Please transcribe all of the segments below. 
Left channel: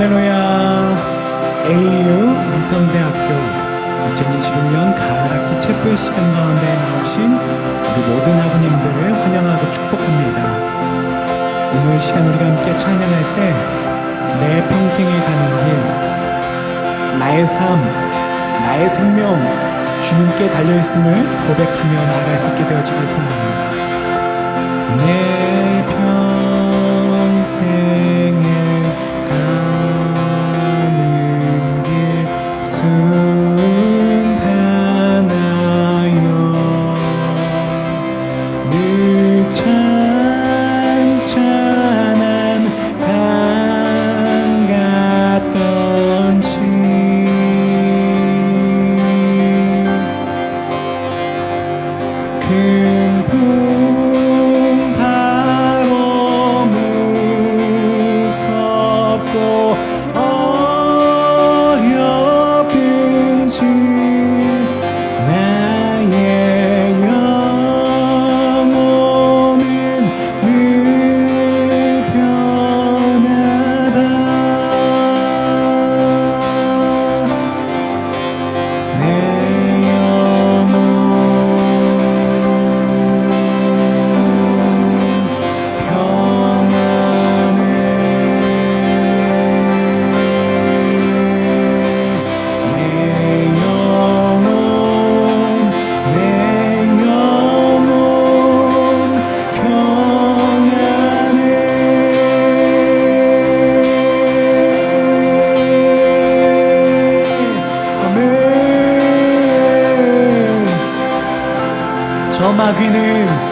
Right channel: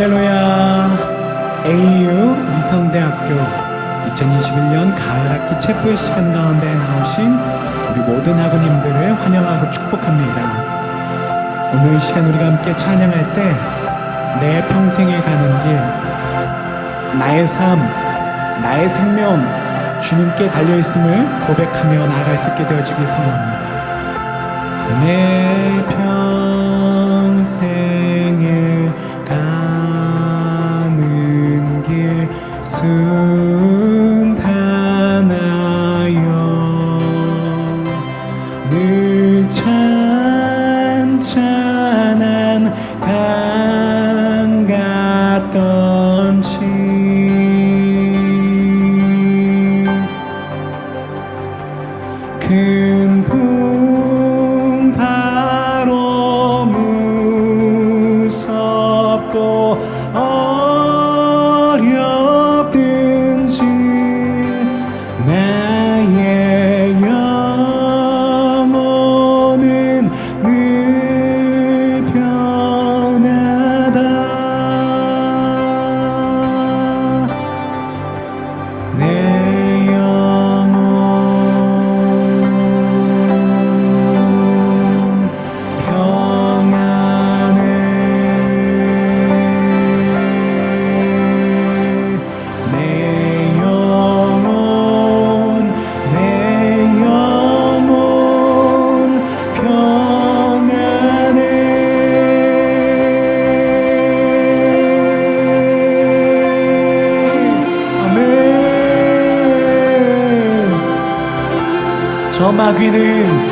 할렐루야. AU 미성대학교 2021년 가을학기 체프의 시간 가운데 나오신 우리 모든 아버님들을 환영하고 축복합니다. 오늘 이 시간 우리가 함께 찬양할 때 내 평생에 가는 길 나의 삶 나의 생명 주님께 달려있음을 고백하며 나아갈 수 있게 되어지길 소원합니다. 내 평생에 가 순탄하여 늘 찬찬 저 마귀는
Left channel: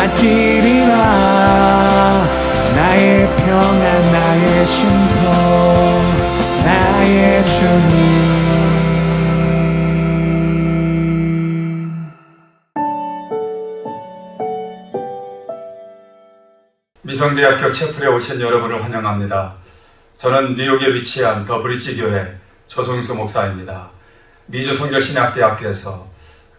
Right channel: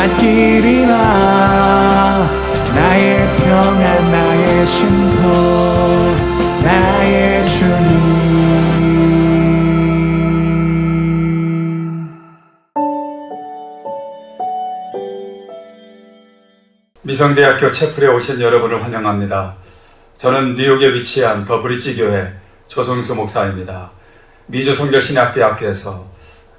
맡기리라 나의 평안 나의 쉼터 나의 주님 미성대학교 채플에 오신 여러분을 환영합니다. 저는 뉴욕에 위치한 더 브릿지 교회 조성수 목사입니다. 미주 성결신학대학교에서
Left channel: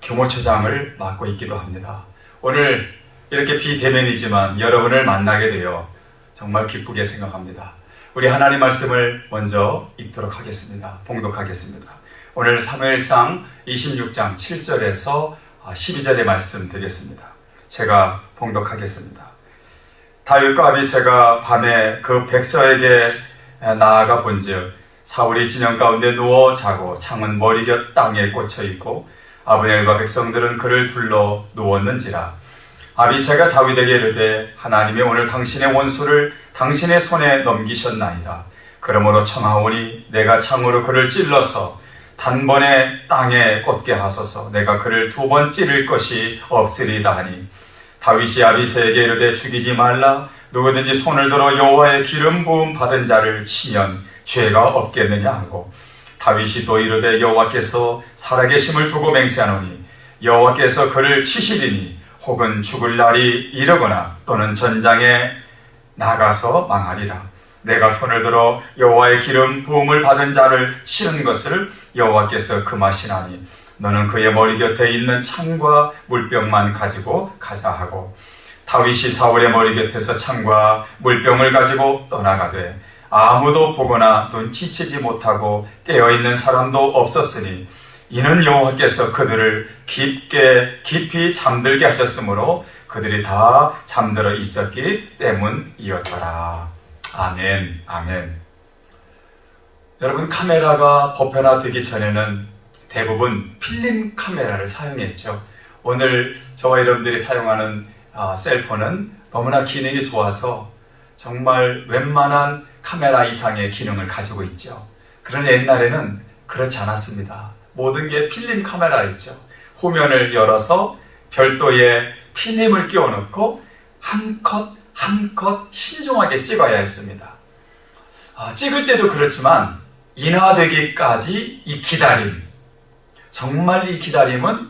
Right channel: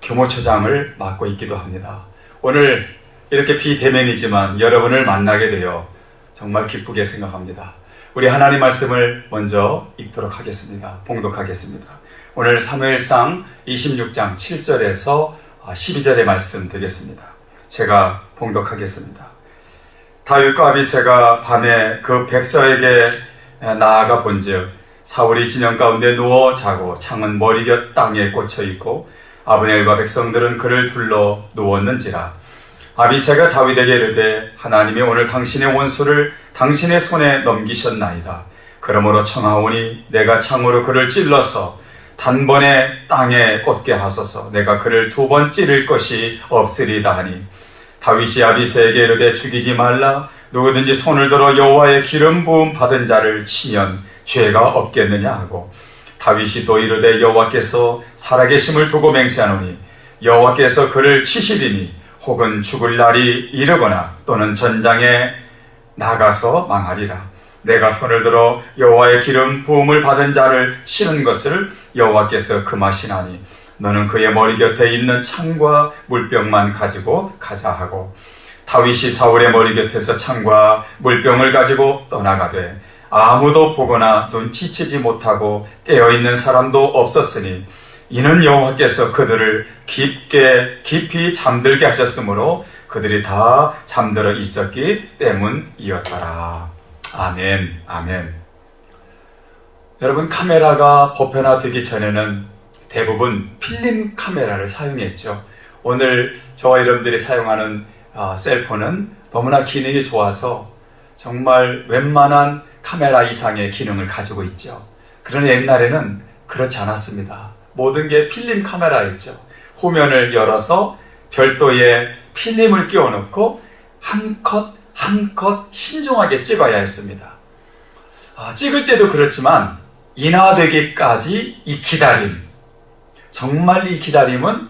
교모처장을 맡고 있기도 합니다. 오늘 이렇게 비대면이지만 여러분을 만나게 되어 정말 기쁘게 생각합니다. 우리 하나님 말씀을 먼저 읽도록 하겠습니다. 봉독하겠습니다. 오늘 사무엘상 26장 7절에서 12절의 말씀 드리겠습니다. 제가 봉독하겠습니다. 다윗과 아비새가 밤에 그 백성에게 나아가 본즉 사울이 진영 가운데 누워 자고 창은 머리 곁 땅에 꽂혀 있고 아브넬과 백성들은 그를 둘러 누웠는지라. 아비새가 다윗에게 이르되 하나님이 오늘 당신의 원수를 당신의 손에 넘기셨나이다. 그러므로 청하오니 내가 창으로 그를 찔러서 단번에 땅에 꽂게 하소서. 내가 그를 두 번 찌를 것이 없으리다 하니. 다윗이 아비새에게 이르되 죽이지 말라. 누구든지 손을 들어 여호와의 기름 부음 받은 자를 치면 죄가 없겠느냐 하고 다윗이 또 이르되 여호와께서 살아계심을 두고 맹세하노니 여호와께서 그를 치시리니 혹은 죽을 날이 이르거나 또는 전장에 나가서 망하리라. 내가 손을 들어 여호와의 기름 부음을 받은 자를 치는 것을 여호와께서 금하시나니 너는 그의 머리 곁에 있는 창과 물병만 가지고 가자 하고 다윗이 사울의 머리 곁에서 창과 물병을 가지고 떠나가되 아무도 보거나 눈치채지 못하고 깨어 있는 사람도 없었으니 이는 여호와께서 그들을 깊게 깊이 잠들게 하셨으므로 그들이 다 잠들어 있었기 때문이었더라. 아멘, 아멘. 여러분 카메라가 보편화되기 전에는 대부분 필름 카메라를 사용했죠. 오늘 저와 여러분들이 사용하는 아, 셀폰은 너무나 기능이 좋아서 정말 웬만한 카메라 이상의 기능을 가지고 있죠. 그러나 옛날에는 그렇지 않았습니다. 모든 게 필름 카메라였죠. 후면을 열어서 별도의 필름을 끼워놓고 한 컷, 한 컷 신중하게 찍어야 했습니다. 아, 찍을 때도 그렇지만 인화되기까지 이 기다림, 정말 이 기다림은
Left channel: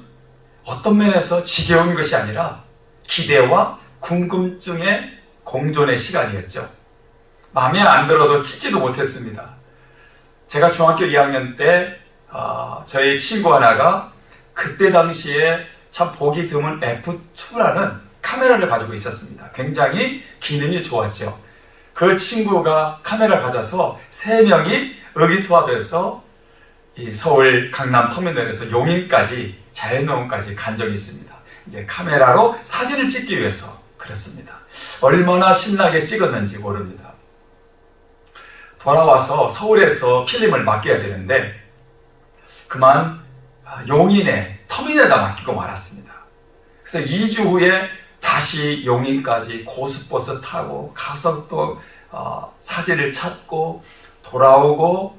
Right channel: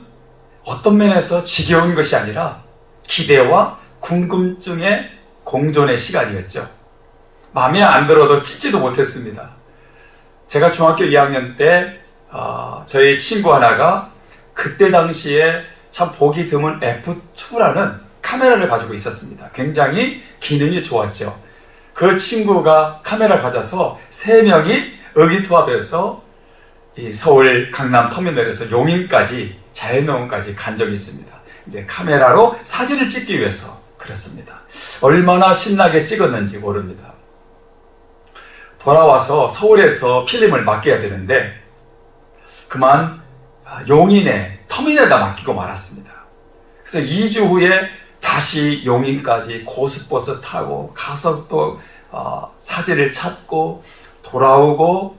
어떤 면에서 지겨운 것이 아니라 기대와 궁금증의 공존의 시간이었죠. 마음에 안 들어도 찍지도 못했습니다. 제가 중학교 2학년 때 어, 저의 친구 하나가 그때 당시에 참 보기 드문 F2라는 카메라를 가지고 있었습니다. 굉장히 기능이 좋았죠. 그 친구가 카메라 가져서 세 명이 의기투합해서 이 서울 강남 터미널에서 용인까지 자연농원까지 간 적이 있습니다. 이제 카메라로 사진을 찍기 위해서 그랬습니다. 얼마나 신나게 찍었는지 모릅니다. 돌아와서 서울에서 필름을 맡겨야 되는데 그만 용인의 터미널에다 맡기고 말았습니다. 그래서 2주 후에 다시 용인까지 고속버스 타고 가서 또 어, 사진을 찾고 돌아오고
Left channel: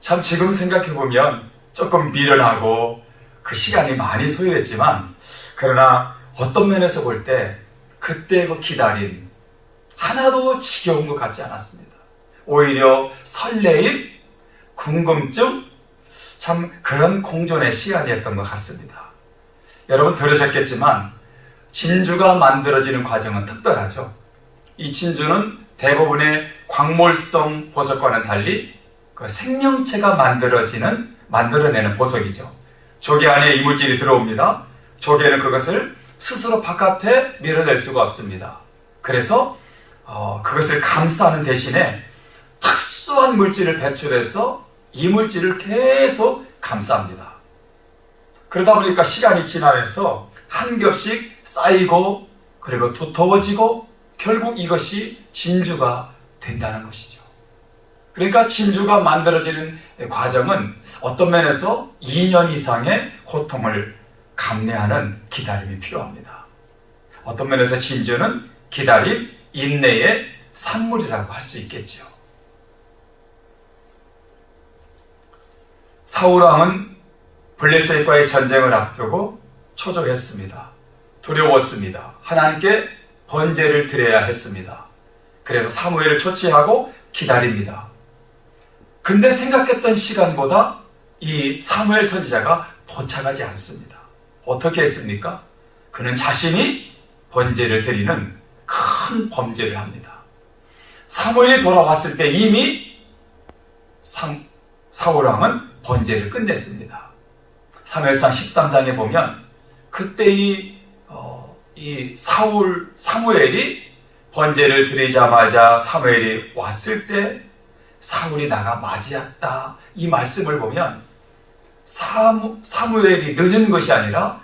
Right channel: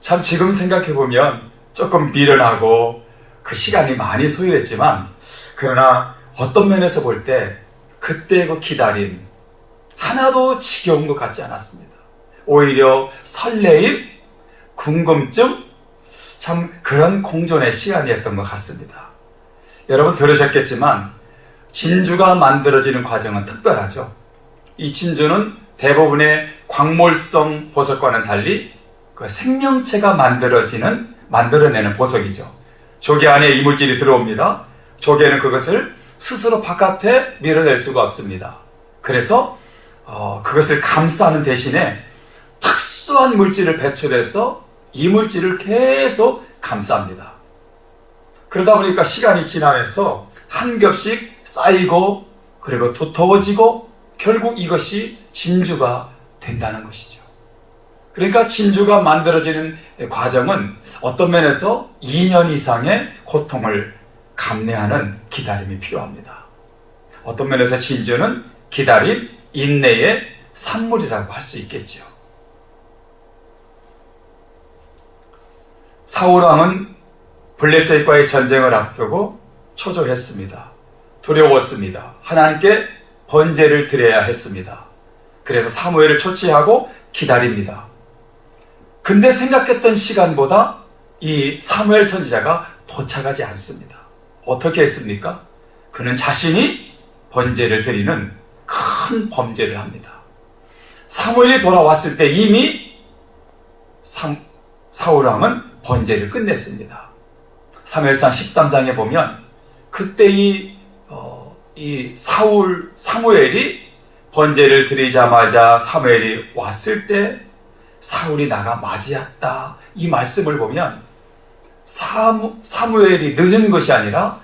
참 지금 생각해 보면 조금 미련하고 그 시간이 많이 소요됐지만 그러나 어떤 면에서 볼 때 그때 그 기다림 하나도 지겨운 것 같지 않았습니다. 오히려 설레임, 궁금증, 참 그런 공존의 시간이었던 것 같습니다. 여러분 들으셨겠지만 진주가 만들어지는 과정은 특별하죠. 이 진주는 대부분의 광물성 보석과는 달리 그 생명체가 만들어지는 만들어내는 보석이죠. 조개 안에 이물질이 들어옵니다. 조개는 그것을 스스로 바깥에 밀어낼 수가 없습니다. 그래서 어, 그것을 감싸는 대신에 특수한 물질을 배출해서 이 물질을 계속 감쌉니다. 그러다 보니까 시간이 지나면서 한 겹씩 쌓이고 그리고 두터워지고 결국 이것이 진주가 된다는 것이죠. 그러니까 진주가 만들어지는 과정은 어떤 면에서 2년 이상의 고통을 감내하는 기다림이 필요합니다. 어떤 면에서 진주는 기다림, 인내의 산물이라고 할 수 있겠죠. 사울왕은 블레셋과의 전쟁을 앞두고 초조했습니다. 두려웠습니다. 하나님께 번제를 드려야 했습니다. 그래서 사무엘을 초치하고 기다립니다. 근데 생각했던 시간보다 이 사무엘 선지자가 도착하지 않습니다. 어떻게 했습니까? 그는 자신이 번제를 드리는 큰 범죄를 합니다. 사무엘이 돌아왔을 때 이미 상- 사울왕은 번제를 끝냈습니다. 사무엘상 13장에 보면 그때 이, 어, 이 사울, 사무엘이 번제를 드리자마자 사무엘이 왔을 때 사울이 나가 맞이했다. 이 말씀을 보면 사무, 사무엘이 늦은 것이 아니라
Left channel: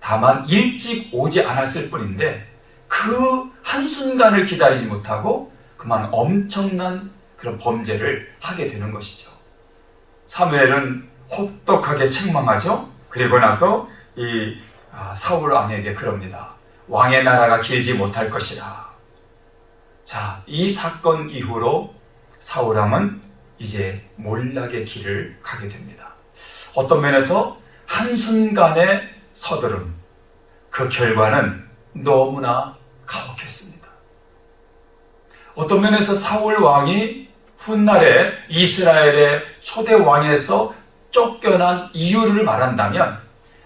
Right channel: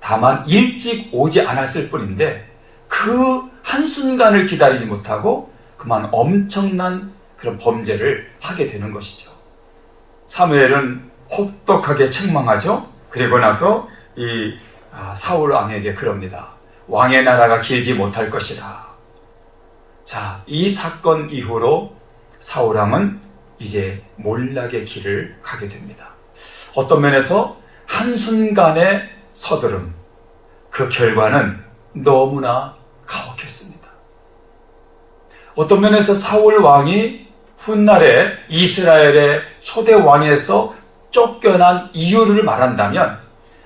다만 일찍 오지 않았을 뿐인데 그 한순간을 기다리지 못하고 그만 엄청난 그런 범죄를 하게 되는 것이죠. 사무엘은 혹독하게 책망하죠. 그리고 나서 이 아, 사울 왕에게 그럽니다. 왕의 나라가 길지 못할 것이라. 자, 이 사건 이후로 사울 왕은 이제 몰락의 길을 가게 됩니다. 어떤 면에서 한순간의 서두름, 그 결과는 너무나 가혹했습니다. 어떤 면에서 사울 왕이 훗날에 이스라엘의 초대 왕에서 쫓겨난 이유를 말한다면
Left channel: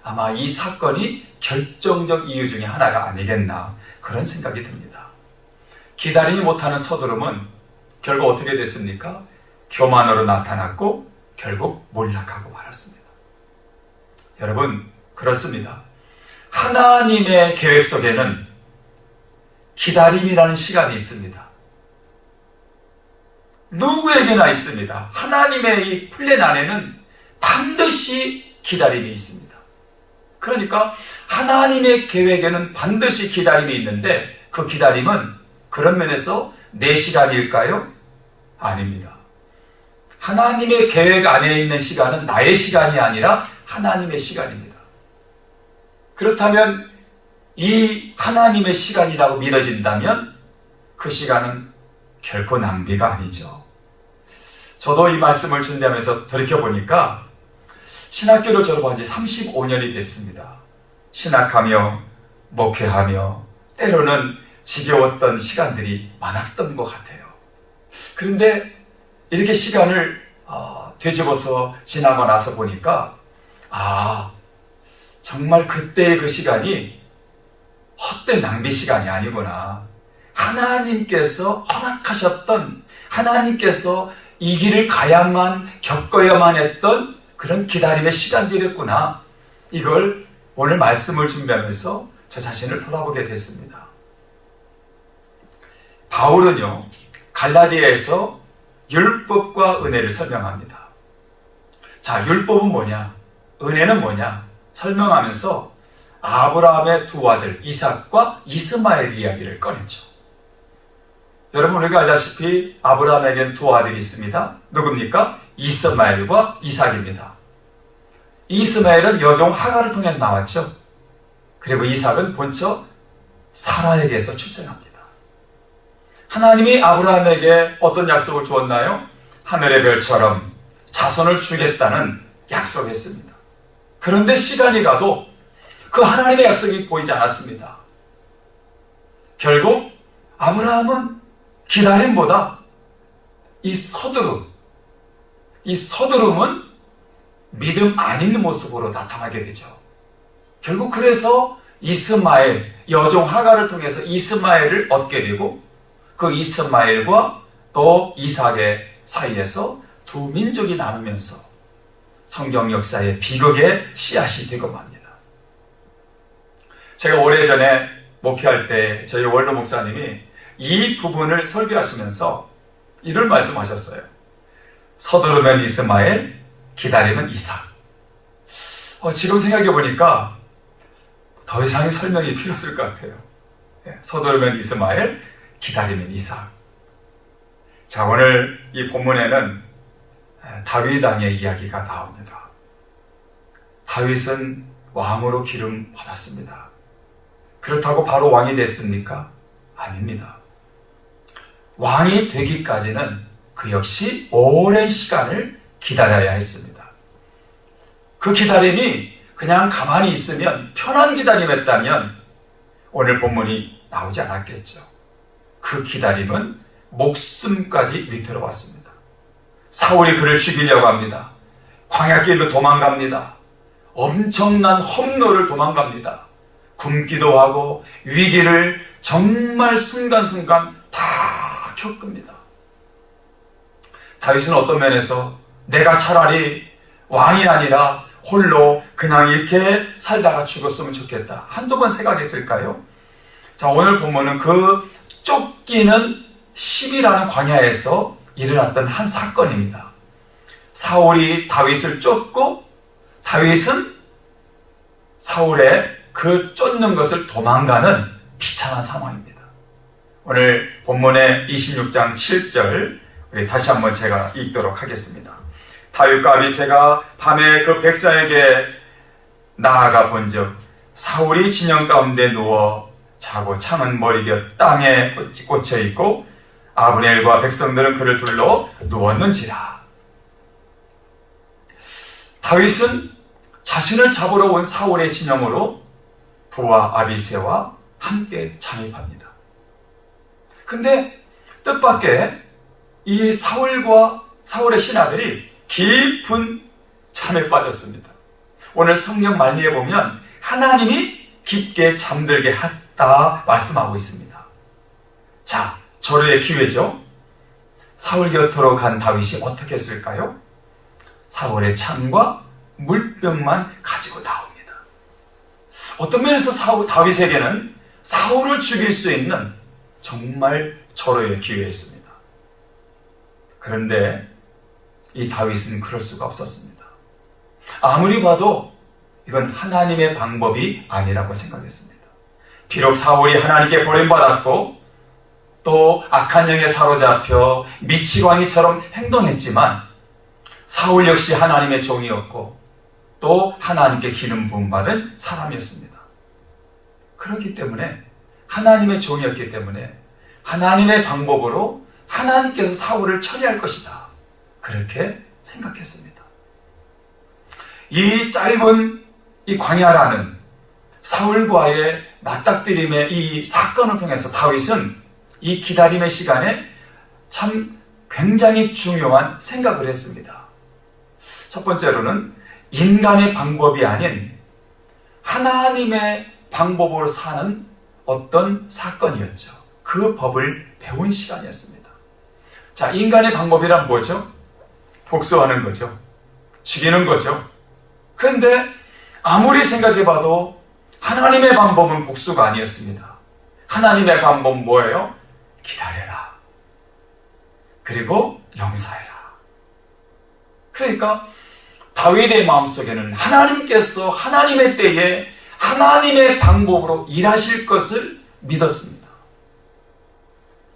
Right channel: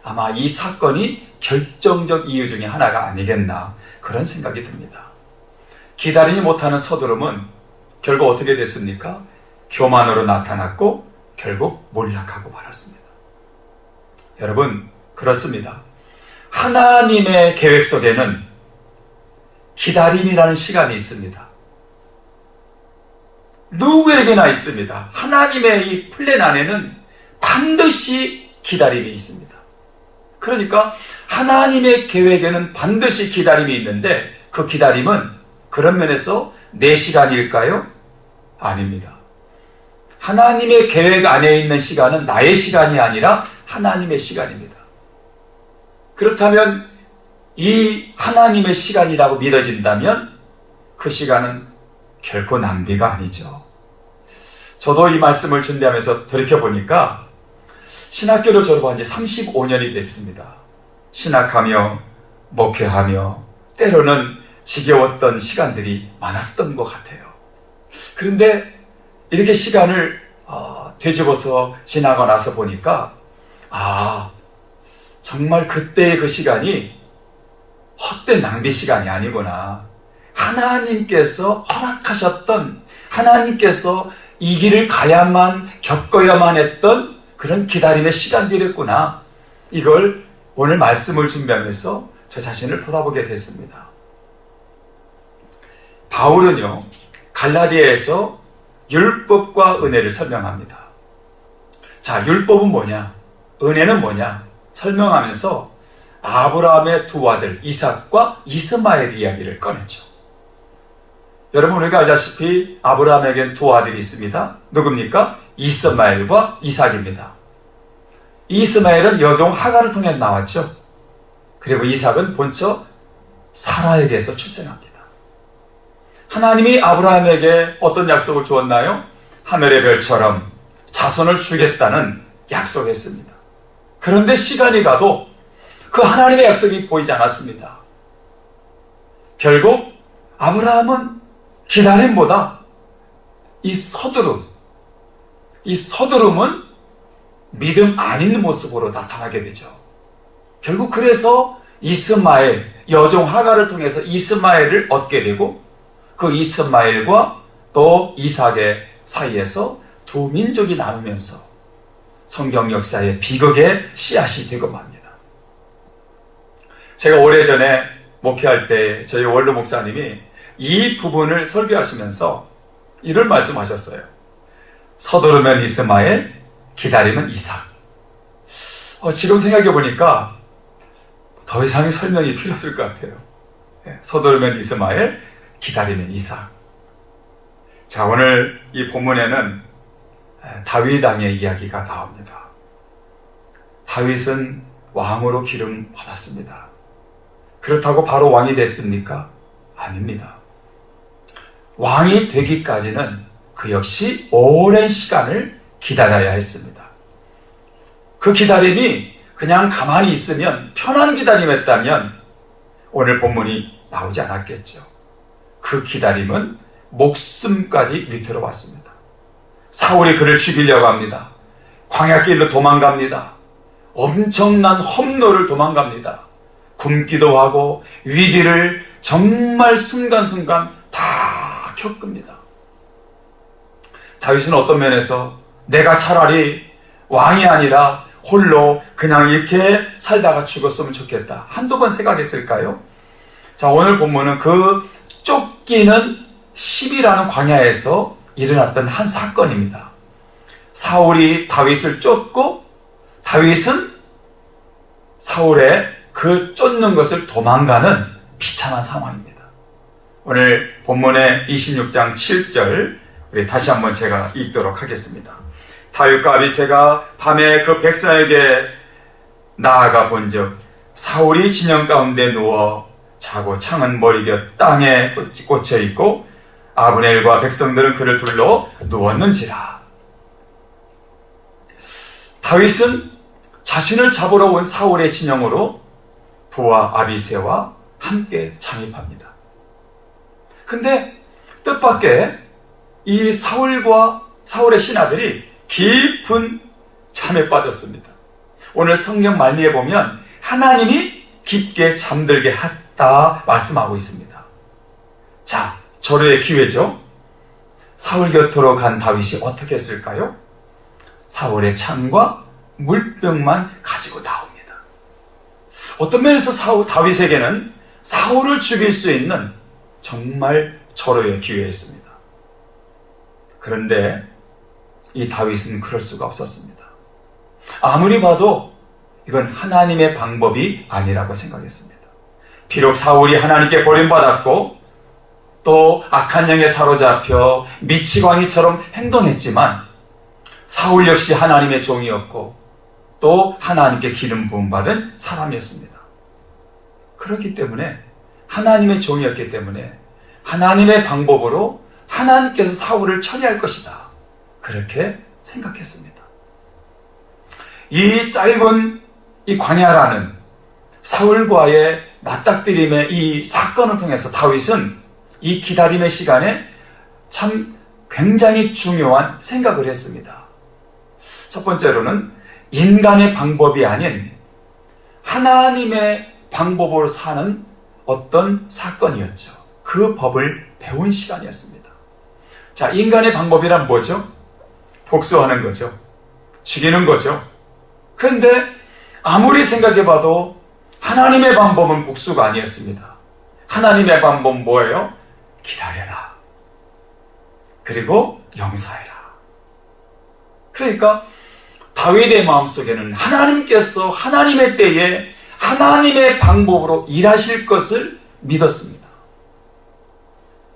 아마 이 사건이 결정적 이유 중에 하나가 아니겠나 그런 생각이 듭니다. 기다리지 못하는 서두름은 결국 어떻게 됐습니까? 교만으로 나타났고 결국 몰락하고 말았습니다. 여러분 그렇습니다. 하나님의 계획 속에는 기다림이라는 시간이 있습니다. 누구에게나 있습니다. 하나님의 이 플랜 안에는 반드시 기다림이 있습니다. 그러니까 하나님의 계획에는 반드시 기다림이 있는데 그 기다림은 그런 면에서 내 시간일까요? 아닙니다. 하나님의 계획 안에 있는 시간은 나의 시간이 아니라 하나님의 시간입니다. 그렇다면 이 하나님의 시간이라고 믿어진다면 그 시간은 결코 낭비가 아니죠. 저도 이 말씀을 준비하면서 돌이켜보니까 신학교를 졸업한 지 35년이 됐습니다. 신학하며 목회하며 때로는 지겨웠던 시간들이 많았던 것 같아요. 그런데 이렇게 시간을 어, 되짚어서 지나고 나서 보니까 아 정말 그때의 그 시간이 헛된 낭비 시간이 아니구나. 하나님께서 허락하셨던 하나님께서 이 길을 가야만 겪어야만 했던 그런 기다림의 시간들이었구나. 이걸 오늘 말씀을 준비하면서 저 자신을 돌아보게 됐습니다. 바울은요, 갈라디아에서 율법과 은혜를 설명합니다. 자, 율법은 뭐냐? 은혜는 뭐냐? 설명하면서 아브라함의 두 아들 이삭과 이스마엘 이야기를 꺼냈죠. 여러분 우리가 알다시피 아브라함에겐 두 아들이 있습니다. 누굽니까? 이스마엘과 이삭입니다. 이스마엘은 여종 하가를 통해 나왔죠. 그리고 이삭은 본처 사라에게서 출생합니다. 하나님이 아브라함에게 어떤 약속을 주었나요? 하늘의 별처럼 자손을 주겠다는 약속했습니다. 그런데 시간이 가도 그 하나님의 약속이 보이지 않았습니다. 결국 아브라함은 기다림보다 이 서두름, 이 서두름은 믿음 아닌 모습으로 나타나게 되죠. 결국 그래서 이스마엘, 여종 하가를 통해서 이스마엘을 얻게 되고 그 이스마엘과 또 이삭의 사이에서 두 민족이 나누면서 성경 역사의 비극의 씨앗이 되고 맙니다. 제가 오래전에 목회할 때 저희 원로 목사님이 이 부분을 설교하시면서 이를 말씀하셨어요. 서두르면 이스마엘, 기다리면 이삭. 어, 지금 생각해 보니까 더 이상의 설명이 필요 없을 것 같아요. 예, 서두르면 이스마엘, 기다리면 이삭. 자, 오늘 이 본문에는 다윗 왕의 이야기가 나옵니다. 다윗은 왕으로 기름 받았습니다. 그렇다고 바로 왕이 됐습니까? 아닙니다. 왕이 되기까지는 그 역시 오랜 시간을 기다려야 했습니다. 그 기다림이 그냥 가만히 있으면 편한 기다림이었다면 오늘 본문이 나오지 않았겠죠. 그 기다림은 목숨까지 위태로 왔습니다. 사울이 그를 죽이려고 합니다. 광야길로 도망갑니다. 엄청난 험로를 도망갑니다. 굶기도 하고 위기를 정말 순간순간 다 겪습니다. 다윗은 어떤 면에서 내가 차라리 왕이 아니라 홀로 그냥 이렇게 살다가 죽었으면 좋겠다. 한두 번 생각했을까요? 자, 오늘 본문은 그 쫓기는 10이라는 광야에서 일어났던 한 사건입니다. 사울이 다윗을 쫓고 다윗은 사울의 그 쫓는 것을 도망가는 비참한 상황입니다. 오늘 본문의 26장 7절 우리 다시 한번 제가 읽도록 하겠습니다. 다윗과 아비새가 밤에 그 백성에게 나아가 본즉 사울이 진영 가운데 누워 자고 창은 머리 곁 땅에 꽂혀 있고 아브넬과 백성들은 그를 둘러 누웠는지라. 다윗은 자신을 잡으러 온 사울의 진영으로 부하 아비새와 함께 잠입합니다. 근데 뜻밖의 이 사울과 사울의 신하들이 깊은 잠에 빠졌습니다. 오늘 성경 말미에 보면 하나님이 깊게 잠들게 했다 말씀하고 있습니다. 자, 절호의 기회죠. 사울 곁으로 간 다윗이 어떻게 했을까요? 사울의 창과 물병만 가지고 나옵니다. 어떤 면에서 사울, 다윗에게는 사울을 죽일 수 있는 정말 절호의 기회였습니다. 그런데 이 다윗은 그럴 수가 없었습니다. 아무리 봐도 이건 하나님의 방법이 아니라고 생각했습니다. 비록 사울이 하나님께 버림받았고 또 악한 영에 사로잡혀 미치광이처럼 행동했지만 사울 역시 하나님의 종이었고 또 하나님께 기름 부음 받은 사람이었습니다. 그렇기 때문에 하나님의 종이었기 때문에 하나님의 방법으로 하나님께서 사울을 처리할 것이다. 그렇게 생각했습니다. 이 짧은 이 광야라는 사울과의 맞닥뜨림의 이 사건을 통해서 다윗은 이 기다림의 시간에 참 굉장히 중요한 생각을 했습니다. 첫 번째로는 인간의 방법이 아닌 하나님의 방법으로 사는 어떤 사건이었죠. 그 법을 배운 시간이었습니다. 자, 인간의 방법이란 뭐죠? 복수하는 거죠. 죽이는 거죠. 그런데 아무리 생각해봐도 하나님의 방법은 복수가 아니었습니다. 하나님의 방법은 뭐예요? 기다려라. 그리고 용서해라. 그러니까 다윗의 마음속에는 하나님께서 하나님의 때에 하나님의 방법으로 일하실 것을 믿었습니다.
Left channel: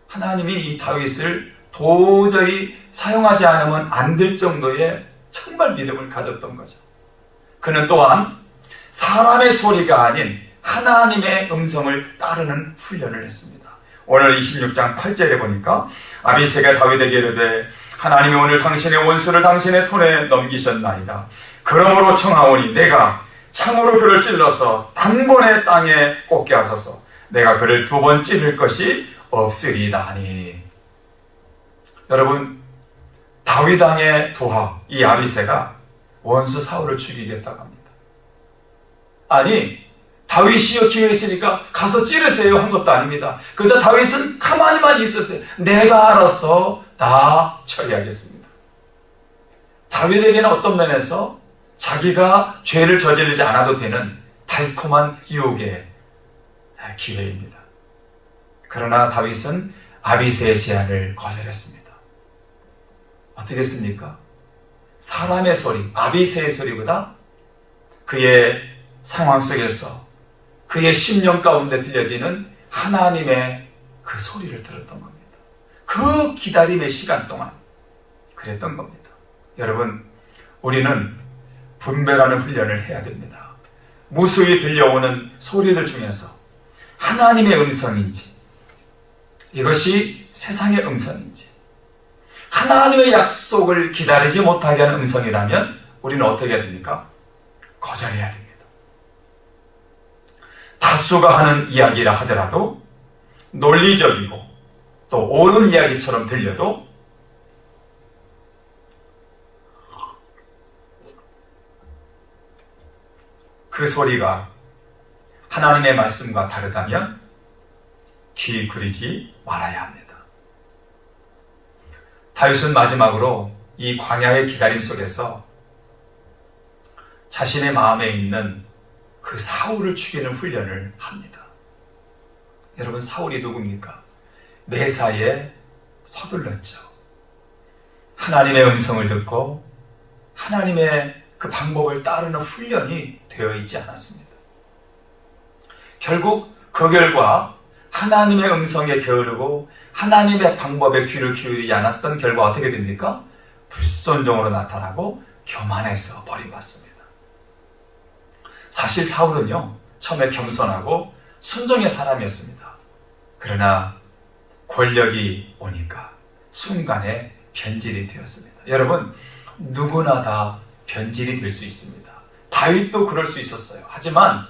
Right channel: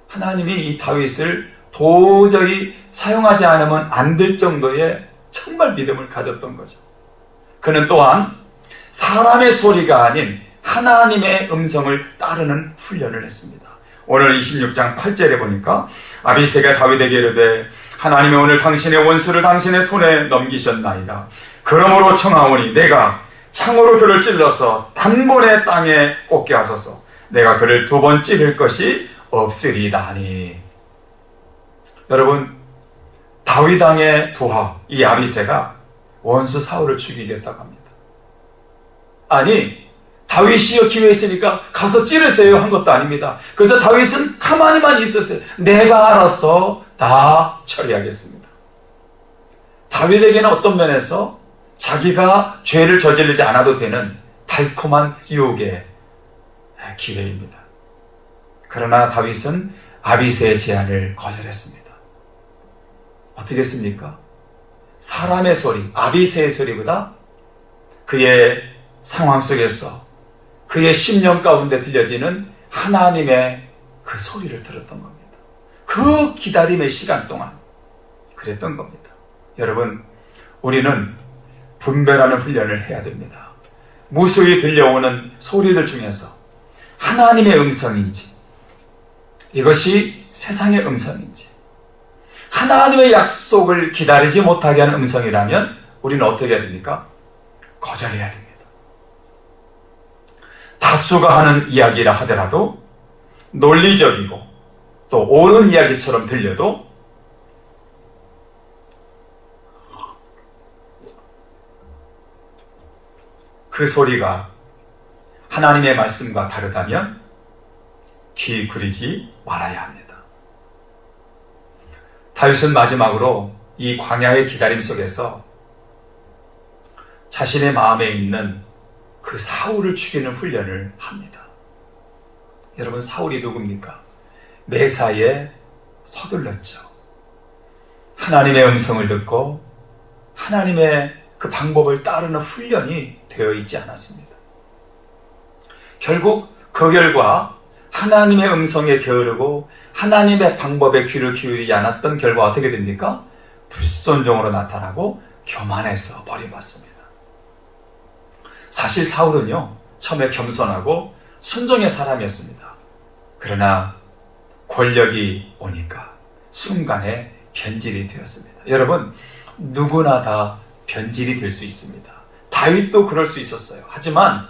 하나님이 이 다윗을 도저히 사용하지 않으면 안 될 정도의 정말 믿음을 가졌던 거죠. 그는 또한 사람의 소리가 아닌 하나님의 음성을 따르는 훈련을 했습니다. 오늘 26장 8절에 보니까 아비세가 다윗에게 이르되 하나님이 오늘 당신의 원수를 당신의 손에 넘기셨나이다. 그러므로 청하오니 내가 창으로 그를 찔러서 단번에 땅에 꽂게 하소서. 내가 그를 두 번 찌를 것이 없으리다니. 여러분 다윗 왕의 부하 이 아비세가 원수 사울을 죽이겠다고 합니다. 아니 다윗이요 기회 있으니까 가서 찌르세요 한 것도 아닙니다. 그런데 다윗은 가만히만 있었어요. 내가 알아서 다 처리하겠습니다. 다윗에게는 어떤 면에서 자기가 죄를 저지르지 않아도 되는 달콤한 유혹의 기회입니다. 그러나 다윗은 아비세의 제안을 거절했습니다. 어떻게 했습니까? 사람의 소리, 아비세의 소리보다 그의 상황 속에서 그의 심령 가운데 들려지는 하나님의 그 소리를 들었던 겁니다. 그 기다림의 시간 동안 그랬던 겁니다. 여러분, 우리는 분별하는 훈련을 해야 됩니다. 무수히 들려오는 소리들 중에서 하나님의 음성인지, 이것이 세상의 음성인지, 하나님의 약속을 기다리지 못하게 하는 음성이라면 우리는 어떻게 해야 됩니까? 거절해야 됩니다. 다수가 하는 이야기라 하더라도 논리적이고 또 옳은 이야기처럼 들려도 그 소리가 하나님의 말씀과 다르다면 귀 부리지 말아야 합니다. 다윗은 마지막으로 이 광야의 기다림 속에서 자신의 마음에 있는 그 사울을 죽이는 훈련을 합니다. 여러분 사울이 누굽니까? 매사에 서둘렀죠. 하나님의 음성을 듣고 하나님의 그 방법을 따르는 훈련이 되어 있지 않았습니다. 결국 그 결과 하나님의 음성에 게으르고 하나님의 방법에 귀를 기울이지 않았던 결과 어떻게 됩니까? 불순종으로 나타나고 교만해서 버림받습니다. 사실 사울은요, 처음에 겸손하고 순종의 사람이었습니다. 그러나 권력이 오니까 순간에 변질이 되었습니다. 여러분, 누구나 다 변질이 될 수 있습니다. 다윗도 그럴 수 있었어요. 하지만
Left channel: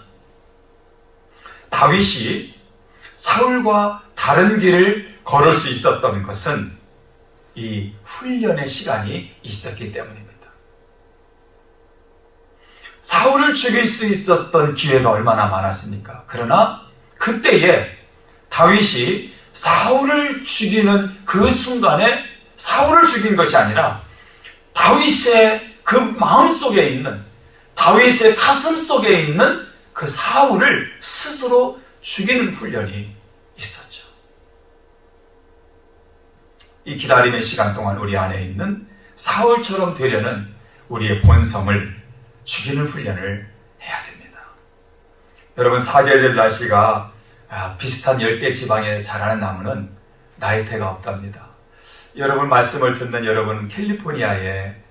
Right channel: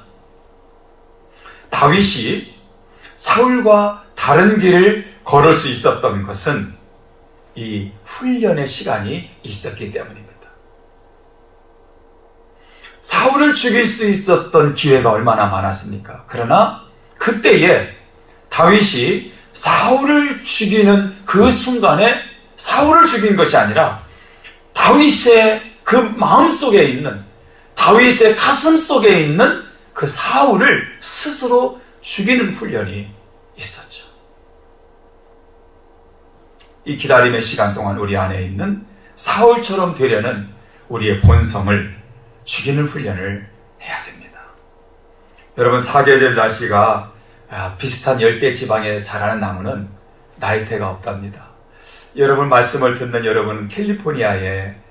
다윗이 사울과 다른 길을 걸을 수 있었던 것은 이 훈련의 시간이 있었기 때문입니다. 사울을 죽일 수 있었던 기회가 얼마나 많았습니까? 그러나 그때에 다윗이 사울을 죽이는 그 순간에 사울을 죽인 것이 아니라 다윗의 그 마음 속에 있는 다윗의 가슴 속에 있는 그 사울을 스스로 죽이는 훈련이 있었죠. 이 기다림의 시간 동안 우리 안에 있는 사울처럼 되려는 우리의 본성을 죽이는 훈련을 해야 됩니다. 여러분 사계절 날씨가 아, 비슷한 열대 지방에 자라는 나무는 나이테가 없답니다. 여러분 말씀을 듣는 여러분 캘리포니아에 아,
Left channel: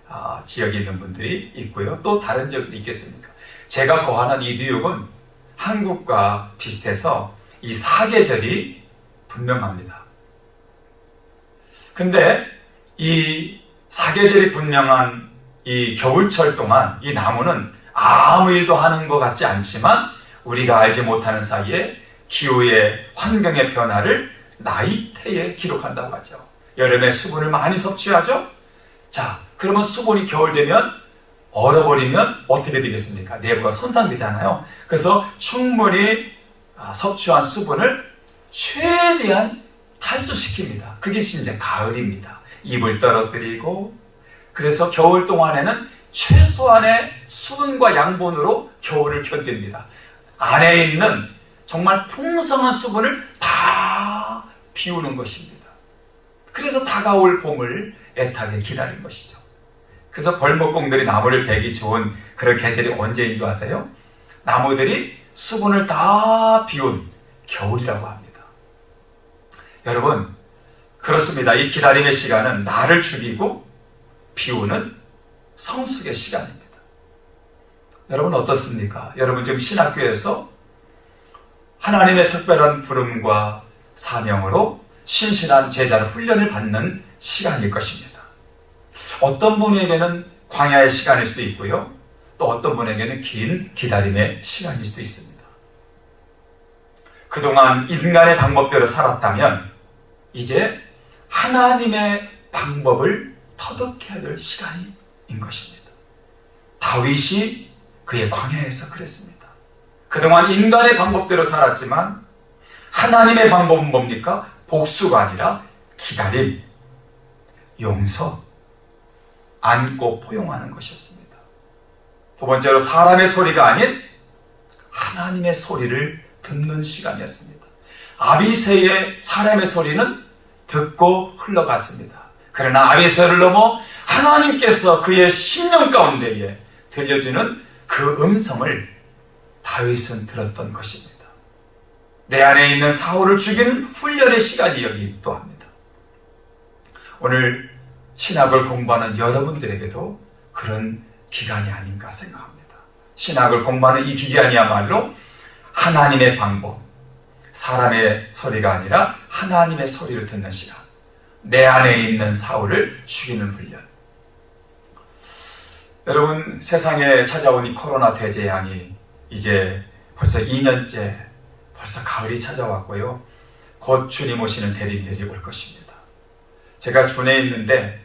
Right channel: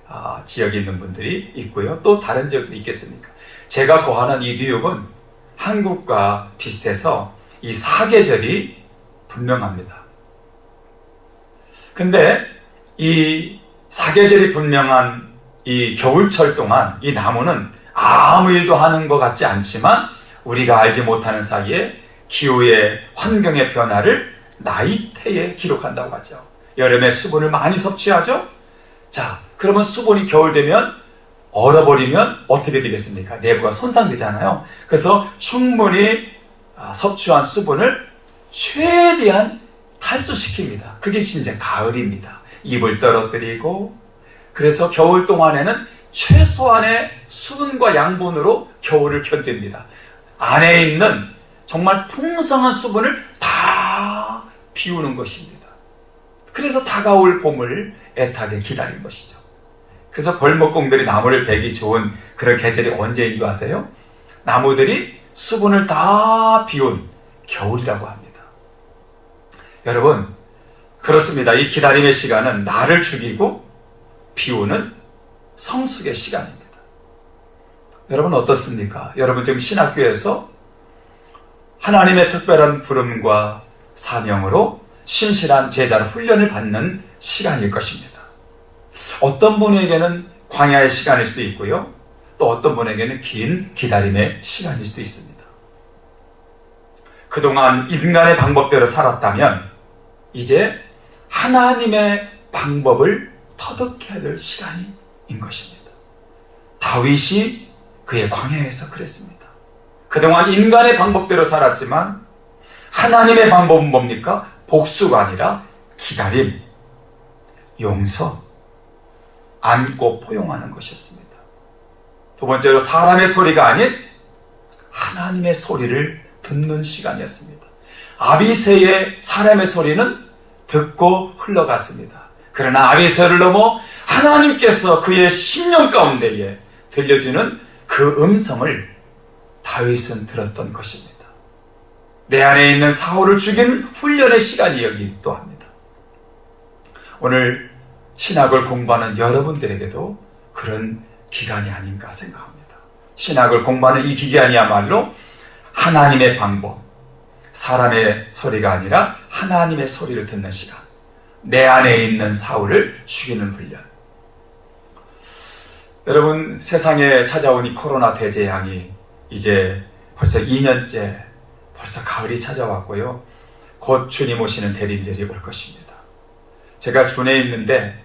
지역에 있는 분들이 있고요. 또 다른 지역도 있겠습니까? 제가 거하는 이 뉴욕은 한국과 비슷해서 이 사계절이 분명합니다. 근데 이 사계절이 분명한 이 겨울철 동안 이 나무는 아무 일도 하는 것 같지 않지만 우리가 알지 못하는 사이에 기후의 환경의 변화를 나이테에 기록한다고 하죠. 여름에 수분을 많이 섭취하죠? 자, 그러면 수분이 겨울 되면 얼어버리면 어떻게 되겠습니까? 내부가 손상되잖아요. 그래서 충분히 아, 섭취한 수분을 최대한 탈수시킵니다. 그게 이제 가을입니다. 입을 떨어뜨리고 그래서 겨울 동안에는 최소한의 수분과 양분으로 겨울을 견딥니다. 안에 있는 정말 풍성한 수분을 다 비우는 것입니다. 그래서 다가올 봄을 애타게 기다린 것이죠. 그래서 벌목공들이 나무를 베기 좋은 그런 계절이 언제인 줄 아세요? 나무들이 수분을 다 비운 겨울이라고 합니다. 여러분, 그렇습니다. 이 기다림의 시간은 나를 죽이고 비우는 성숙의 시간입니다. 여러분 어떻습니까? 여러분 지금 신학교에서 하나님의 특별한 부름과 사명으로 신실한 제자를 훈련을 받는 시간일 것입니다. 어떤 분에게는 광야의 시간일 수도 있고요. 또 어떤 분에게는 긴 기다림의 시간일 수도 있습니다. 그동안 인간의 방법대로 살았다면 이제 하나님의 방법을 터득해야 될 시간인 것입니다. 다윗이 그의 광야에서 그랬습니다. 그동안 인간의 방법대로 살았지만 하나님의 방법은 뭡니까? 복수가 아니라 기다림, 용서, 안고 포용하는 것이었습니다. 두 번째로 사람의 소리가 아닌 하나님의 소리를 듣는 시간이었습니다. 아비새의 사람의 소리는 듣고 흘러갔습니다. 그러나 아비새를 넘어 하나님께서 그의 심령 가운데에 들려주는 그 음성을 다윗은 들었던 것입니다. 내 안에 있는 사울을 죽이는 훈련의 시간이 여기 있도 합니다. 오늘 신학을 공부하는 여러분들에게도 그런 기간이 아닌가 생각합니다. 신학을 공부하는 이 기간이야말로 하나님의 방법, 사람의 소리가 아니라 하나님의 소리를 듣는 시간. 내 안에 있는 사울을 죽이는 훈련. 여러분, 세상에 찾아온 이 코로나 대재앙이 이제 벌써 2년째 벌써 가을이 찾아왔고요. 곧 주님 오시는 대림절이 올 것입니다. 제가 군에 있는데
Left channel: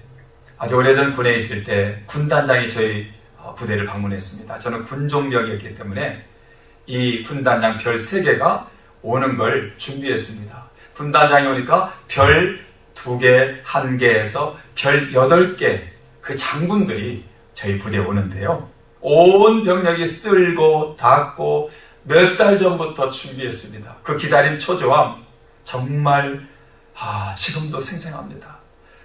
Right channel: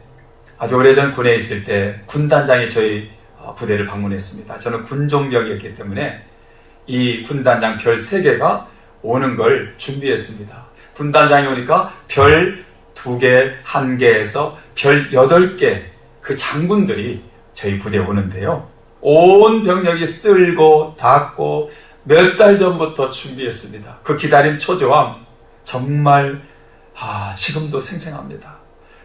아주 오래전 군에 있을 때 군단장이 저희 어, 부대를 방문했습니다. 저는 군종병이었기 때문에 이 군단장 별 3개가 오는 걸 준비했습니다. 군단장이 오니까 별 2개, 1개에서 별 8개 그 장군들이 저희 부대에 오는데요. 온 병력이 쓸고 닦고 몇 달 전부터 준비했습니다. 그 기다림 초조함 정말 아, 지금도 생생합니다.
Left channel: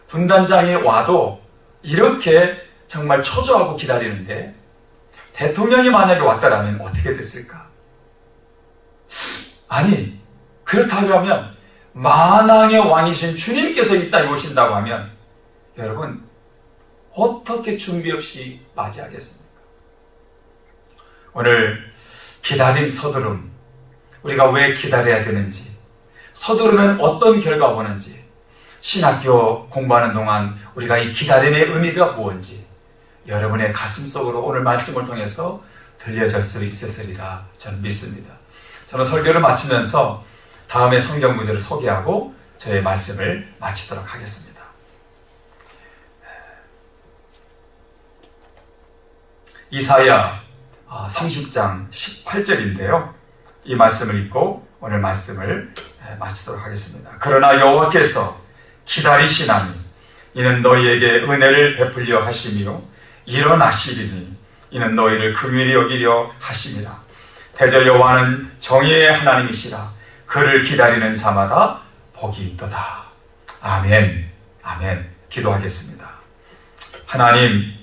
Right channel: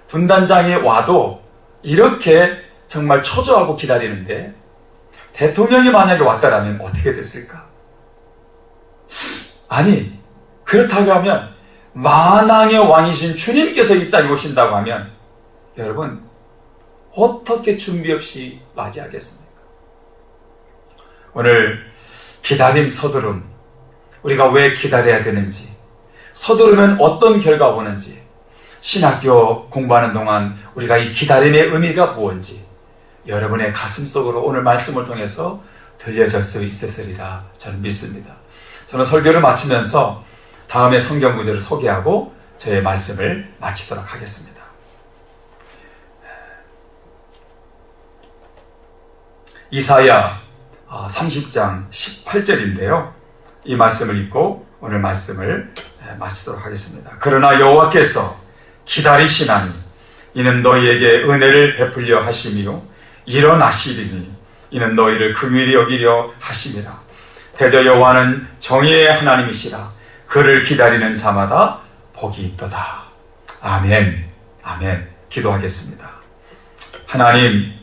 군단장이 와도 이렇게 정말 초조하고 기다리는데 대통령이 만약에 왔다라면 어떻게 됐을까? 아니 그렇다고 하면 만왕의 왕이신 주님께서 이 땅에 오신다고 하면 여러분 어떻게 준비 없이 맞이하겠습니까? 오늘 기다림 서두름 우리가 왜 기다려야 되는지 서두르면 어떤 결과가 오는지 신학교 공부하는 동안 우리가 이 기다림의 의미가 무엇인지 여러분의 가슴 속으로 오늘 말씀을 통해서 들려질 수 있으리라 저는 믿습니다. 저는 설교를 마치면서 다음에 성경 구절을 소개하고 저의 말씀을 마치도록 하겠습니다. 이사야 30장 18절인데요. 이 말씀을 읽고 오늘 말씀을 마치도록 하겠습니다. 그러나 여호와께서 기다리시나니 이는 너희에게 은혜를 베풀려 하심이요 일어나시리니 이는 너희를 긍휼히 여기려 하심이라. 대저 여호와는 정의의 하나님이시라. 그를 기다리는 자마다 복이 있도다. 아멘. 아멘. 기도하겠습니다. 하나님,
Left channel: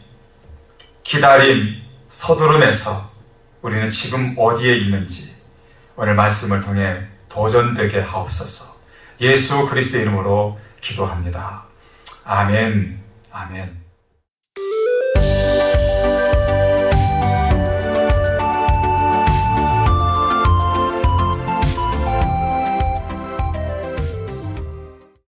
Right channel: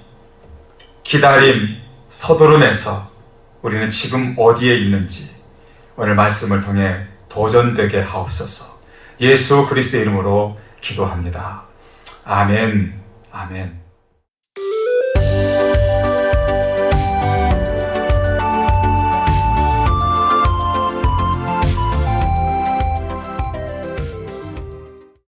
기다림, 서두름에서 우리는 지금 어디에 있는지 오늘 말씀을 통해 도전되게 하옵소서. 예수 그리스도의 이름으로 기도합니다. 아멘. 아멘.